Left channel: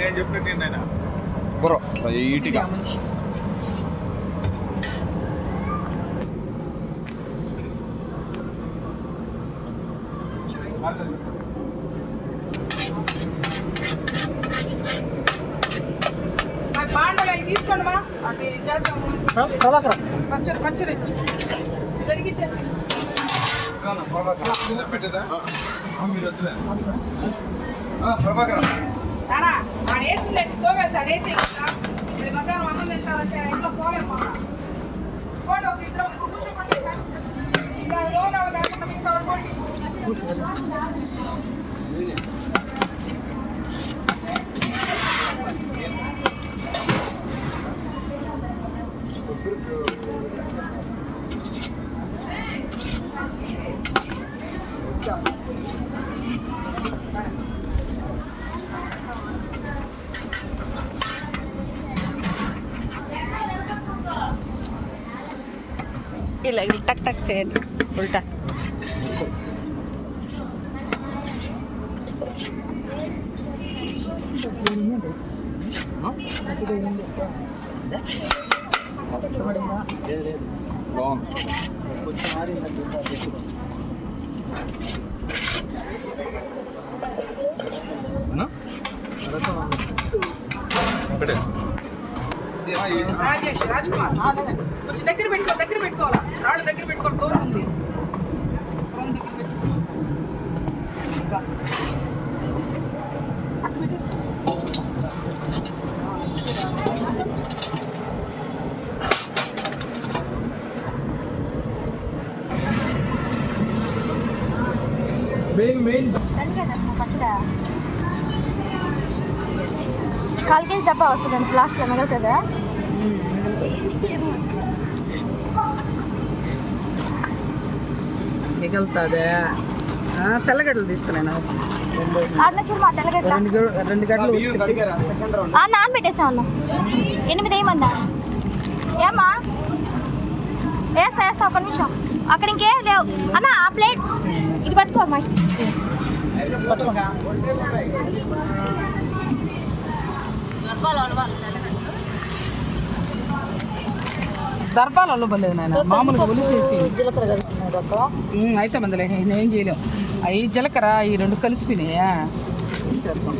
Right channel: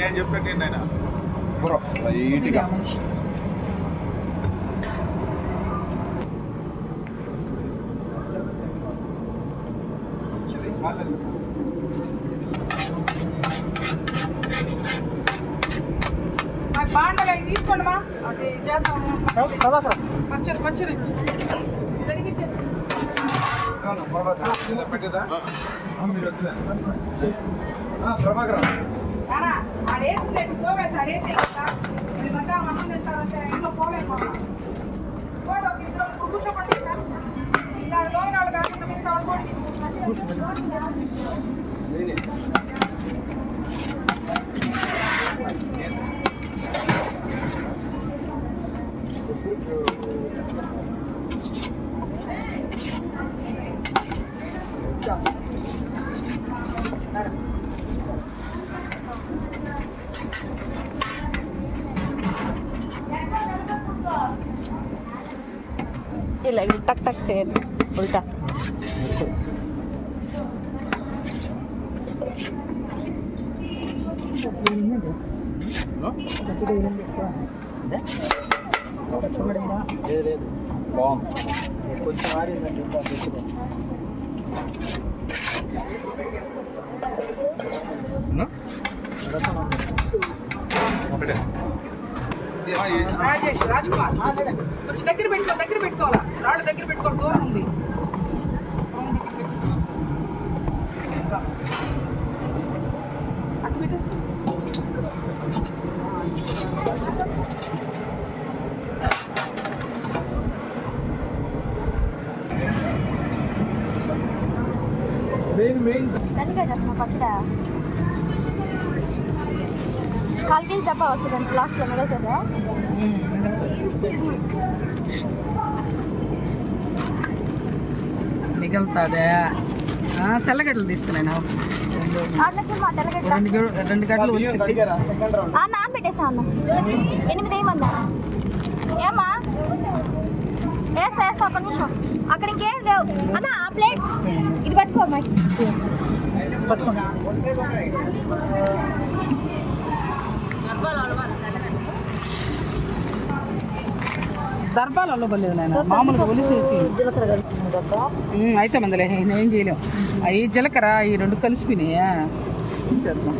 నేను చెప్పేది లైట్గా బాండలు అవి తీసుకోండి మా అది చేద్దాము పచ్చడి పచ్చడి జరిగిచ్చేస్తాం ప్రభాకర్ ఆడేసిందండి పోవేసి ఆడేసి ఇప్పుడు మధ్యాహ్నం అన్నం తింటారంటే ఇంట్లో పోలేకపోతాం పోండి ఒక ఇద్దరు కూర్చోపండి ఇంకా లోన్ వాళ్ళు కాకుండా మిగతా అనుకోండి ఇలా టక్ టక్ చేయండి ఉల్టా బాగుంది కొంచెం ఆడిందంటే ఒకటే రాజేష్ రాజ్కుమార్ కొంచెం దగ్గర పెట్టుకోవాలి రాళ్ళు దగ్గర పెట్టుకోవాలి దూరం ఉంది పచ్చడా 4 కేజీ డబ్బా వస్తుంది అంత లాస్ట్లో మిగులుతుందా మిగులుతుందా తెల్లగడ్డలు తీసుకున్నాను రెండు గడ్డలు నానబెట్టేసా అన్న 8 వేయమన్నా ఏమా వేస్తా ఒక నిమిషం అక్కడ ఇంకేం లేవు అన్న ఆ ప్లేట్ ఇది పట్టుకో అమ్మాయి దర్బాలలో పర్లేదు నాయన మామూలుగా ఒలిసేసి అయితే మందలే నేనేం చేయలేం అవి జీలకర్ర ఈ రెండు కలిసి తినేయా చేద్దాం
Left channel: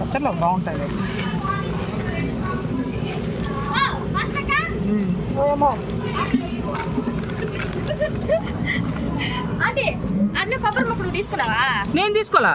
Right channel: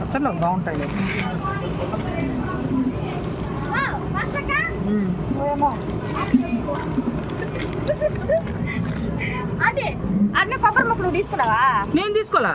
పచ్చళ్ళు బాగుంటాయి అంటే అన్ని కొబ్బరి ముక్కలు తీసుకున్నావా నేను తీసుకోలే